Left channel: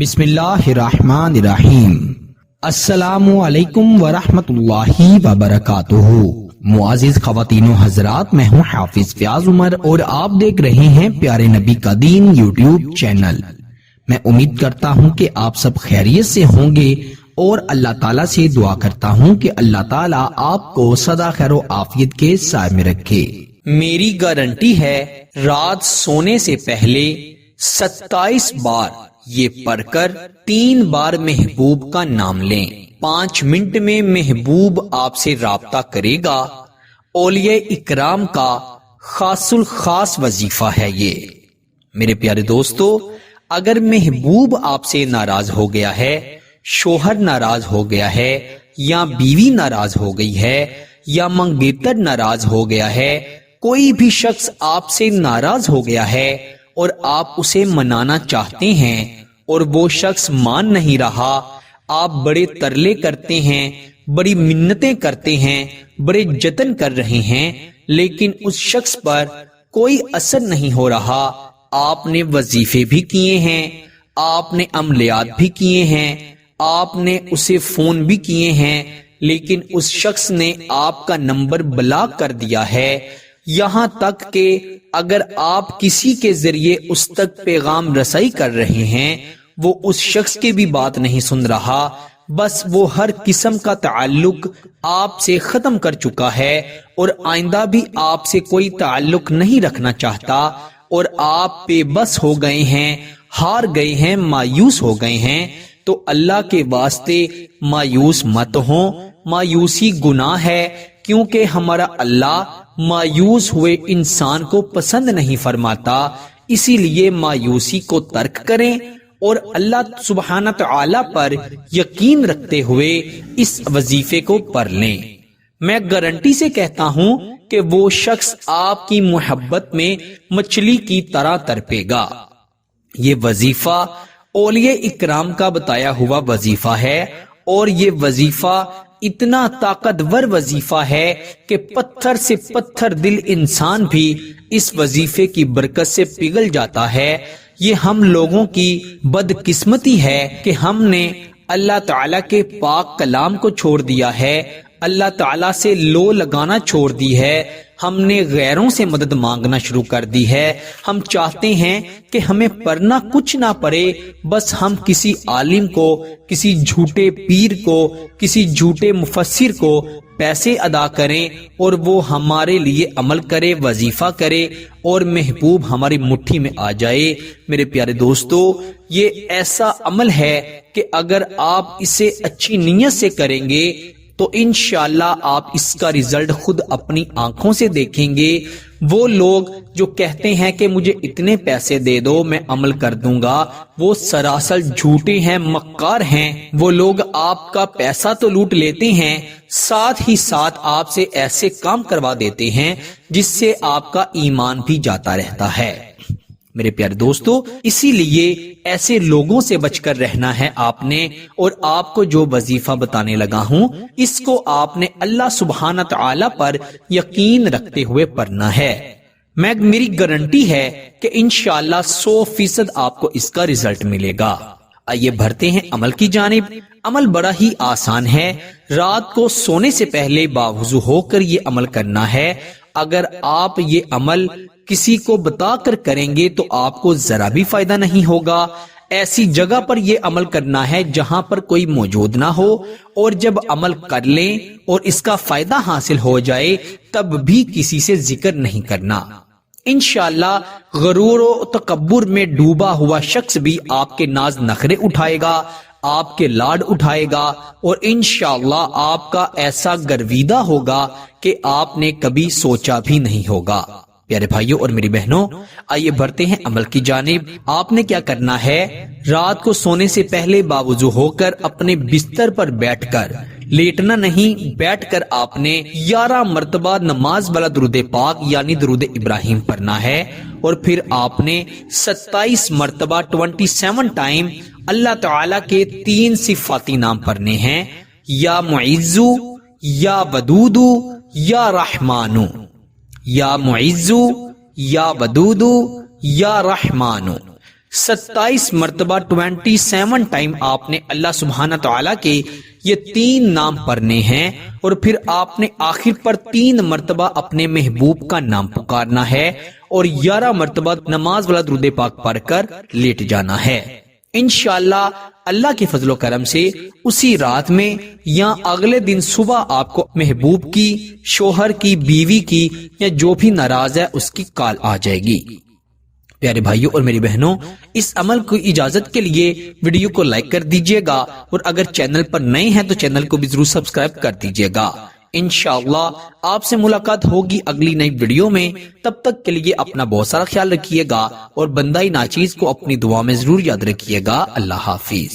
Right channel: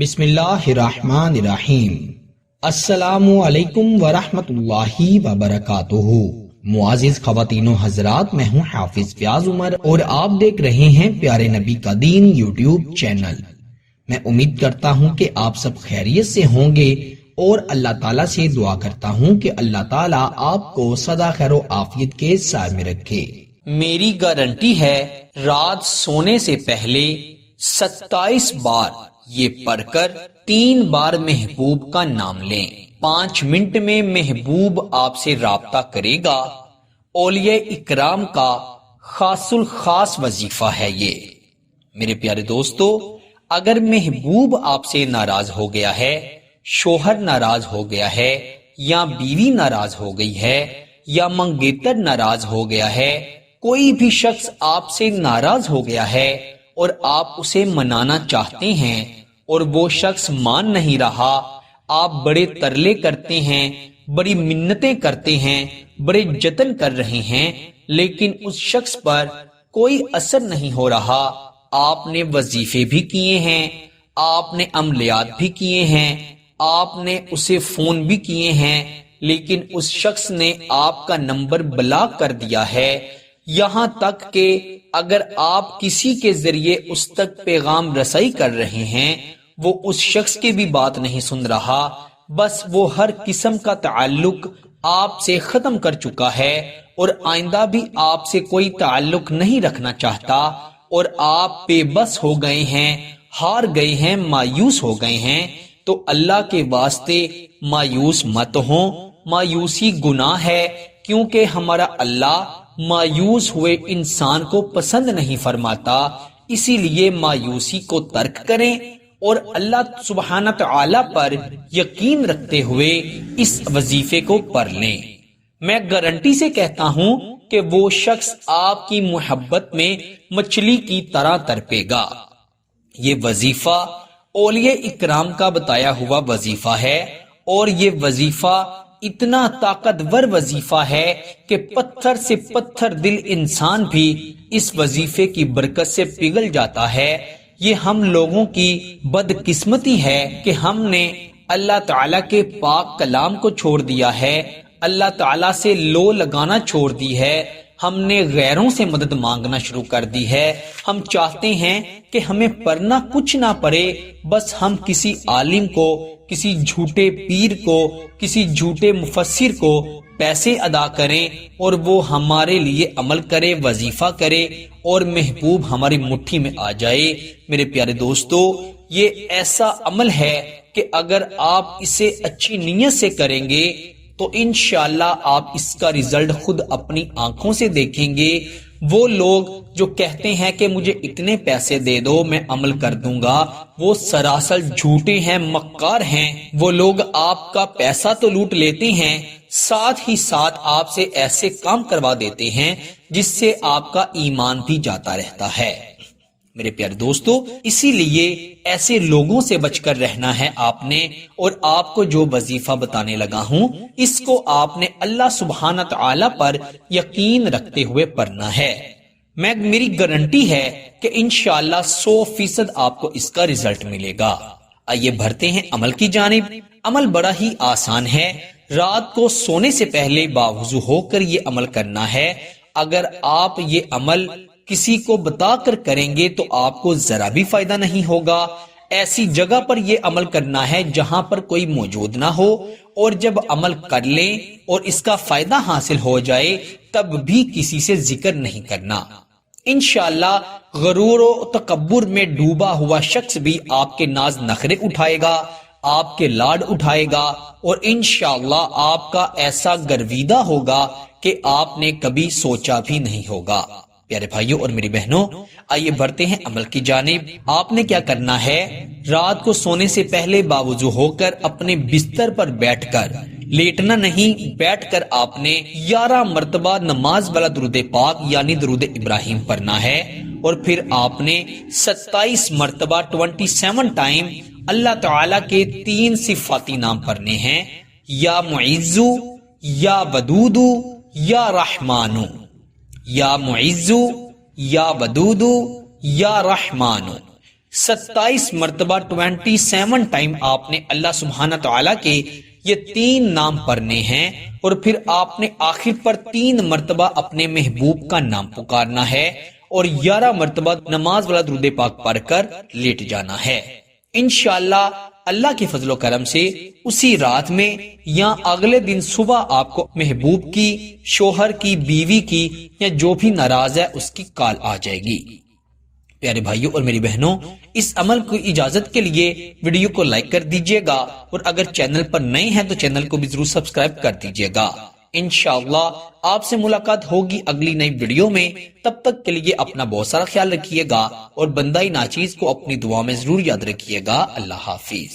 بسم اللہ الرحمن الرحیم۔ السلام علیکم ورحمۃ اللہ وبرکاتہ۔ معزز خواتین و حضرات، میں ہوں حافظ فیاض عمر اور آپ دیکھ رہے ہیں پیارے نبی کا دین یوٹیوب چینل۔ میں امید کرتا ہوں کہ آپ سب خیریت سے ہوں گے اور اللہ تعالیٰ سے دعا کرتا ہوں کہ اللہ تعالیٰ آپ کو سدا خیر و عافیت کے سائے میں رکھے۔ میری گارنٹی ہے رات سونے سے پہلے 27 بار یہ پڑھ کر 3 بار محبوب کا نام لیں۔ 5 منٹ میں محبوب آپ سے رابطہ کرے گا۔ اولیاء اکرام کا خاص الخاص وظیفہ ہے یہ۔ میرے پیارے دوستو، اگر محبوب آپ سے ناراض ہو گیا ہے، شوہر ناراض ہو گیا ہے، یا بیوی ناراض ہو گئی ہے، یا منگیتر ناراض ہو گیا ہے، کوئی بھی شخص آپ سے ناراض ہو گیا ہے اور آپ اسے منانا چاہتے ہیں اور وہ شخص مان نہیں رہا، آپ بڑے ترلے کرتے ہیں، بڑی منتیں کرتے ہیں، بڑے جتن کر رہے ہیں، لیکن اس شخص پر کوئی اثر نہیں ہو رہا۔ آپ نے وظیفے بھی کیے ہیں، آپ نے عملیات بھی کیے ہیں، آپ نے اسے فون بھی کیے ہیں، لیکن اس شخص نے آپ کا نمبر بلاک کر دیا ہے۔ یہاں تک کہ اگر آپ کسی کے ذریعے اس تک پیغام رسائی کر رہے ہیں، وہ اس شخص کی بھی بات نہیں سن رہا، بس وہ ہر قسم کا تعلق آپ سے ختم کر چکا ہے اور آئندہ بھی آپ سے کوئی تعلق نہیں رکھنا چاہتا، اور آپ بے بس ہو گئے ہیں، ہار گئے ہیں، مایوس ہو گئے ہیں، تو اللہ کے واسطے مایوس مت ہوں۔ مایوسی گناہ ہے، کیونکہ ہمارا اللہ مایوس ہوئے انسان کو پسند نہیں فرماتا۔ اسی لیے مایوسی کو ترک کریں اور اللہ سبحانہ تعالی پر یقین رکھتے ہوئے اس وظیفے کو پڑھ لیں۔ میں گارنٹی سے کہتا ہوں کہ وہ شخص آپ کی محبت میں مچھلی کی طرح تڑپے گا۔ یہ وظیفہ اولیاء اکرام کا بتایا ہوا وظیفہ ہے، اور یہ وظیفہ اتنا طاقتور وظیفہ ہے کہ پتھر سے پتھر دل انسان بھی اس وظیفے کی برکت سے پگھل جاتا ہے۔ یہ ہم لوگوں کی بدقسمتی ہے کہ ہم نے اللہ تعالیٰ کے پاک کلام کو چھوڑ دیا ہے، اللہ تعالیٰ سے لو لگانا چھوڑ دی ہے، ہم نے غیروں سے مدد مانگنا شروع کر دی ہے۔ ہم چاہتے ہیں کہ ہمیں پڑھنا کچھ نہ پڑے، بس ہم کسی عالم کو، کسی جھوٹے پیر کو، کسی جھوٹے مفسر کو پیسے ادا کریں اور وہ ہمارے لیے عمل کرے، وظیفہ کرے، اور محبوب ہماری مٹھی میں آ جائے۔ میرے پیارے دوستو، یہ ایسا عمل ہے کہ اگر آپ اسے اچھی نیت سے کریں گے تو انشاءاللہ آپ اس کا رزلٹ خود اپنی آنکھوں سے دیکھیں گے۔ وہ لوگ جو کہتے ہیں کہ مجھے اتنے پیسے دے دو میں عمل کر دوں گا، وہ سراسر جھوٹے ہیں، مکار ہیں۔ وہ لوگ آپ کا پیسہ تو لوٹ لیتے ہیں، ساتھ ہی ساتھ آپ سے ایسے کام کروا دیتے ہیں جس سے آپ کا ایمان بھی جاتا رہتا ہے۔ میرے پیارے دوستو، اسی لیے ایسے لوگوں سے بچ کر رہنا ہے آپ نے، اور آپ کو جو وظیفہ بتانے لگا ہوں اس کو آپ نے اللہ سبحانہ تعالی پر یقین رکھتے ہوئے پڑھنا ہے۔ میری گارنٹی ہے کہ انشاءاللہ 100% آپ کو اس کا رزلٹ ملے گا۔ آئیے بڑھتے ہیں عمل کی جانب۔ عمل بڑا ہی آسان ہے۔ رات کو سونے سے پہلے باوضو ہو کر یہ عمل کرنا ہے۔ اگر آپ یہ عمل کسی کو بتا کر کریں گے تو آپ کو ذرا بھی فائدہ نہیں ہوگا۔ ایسی جگہ پر یہ عمل کرنا ہے جہاں پر کوئی موجود نہ ہو، اور جب عمل کر لیں اور اس کا فائدہ حاصل ہو جائے تب بھی کسی سے ذکر نہیں کرنا۔ انشاءاللہ غرور و تکبر میں ڈوبا ہوا شخص بھی آپ کے ناز نخرے اٹھائے گا، آپ کے لاڈ اٹھائے گا، اور انشاءاللہ آپ کا ایسا گرویدہ ہوگا کہ آپ نے کبھی سوچا بھی نہیں ہوگا۔ پیارے بھائیوں اور میری بہنوں، آئیے بڑھتے ہیں عمل کی جانب۔ آپ نے کیا کرنا ہے؟ رات کو سونے سے پہلے باوضو ہو کر اپنے بستر پر بیٹھ کر، لیٹنا نہیں، بیٹھ کر آپ نے 11 مرتبہ نماز والا درود پاک یعنی درود ابراہیم پڑھنا ہے، اور پھر آپ نے 27 مرتبہ 27 ٹائم اللہ تعالیٰ کے 3 صفاتی نام پڑھنے ہیں، یا معزو، یا ودودو، یا رحمانو۔ یا معزو، یا ودودو، یا رحمانو۔ 27 مرتبہ 27 ٹائم آپ نے اللہ سبحانہ تعالیٰ کے یہ 3 نام پڑھنے ہیں، اور پھر آپ نے آخر پر 3 مرتبہ اپنے محبوب کا نام پکارنا ہے، اور 11 مرتبہ نماز والا درود پاک پڑھ کر لیٹ جانا ہے۔ انشاءاللہ اللہ کے فضل و کرم سے اسی رات میں یا اگلے دن صبح آپ کو محبوب کی، شوہر کی، بیوی کی یا جو بھی ناراض ہے اس کی کال آ جائے گی۔ پیارے بھائیوں اور میری بہنوں، اس عمل کو اجازت کے لیے ویڈیو کو لائک کر دیجئے گا، اور اگر چینل پر نئے ہیں تو چینل کو بھی ضرور سبسکرائب کر دیجئے گا۔ انشاءاللہ آپ سے ملاقات ہوگی اگلی نئی ویڈیو میں۔ تب تک کے لیے اپنا بہت سارا خیال رکھیے گا، اور بندہ ناچیز کو اپنی دعا میں ضرور یاد رکھیے گا۔ اللہ حافظ۔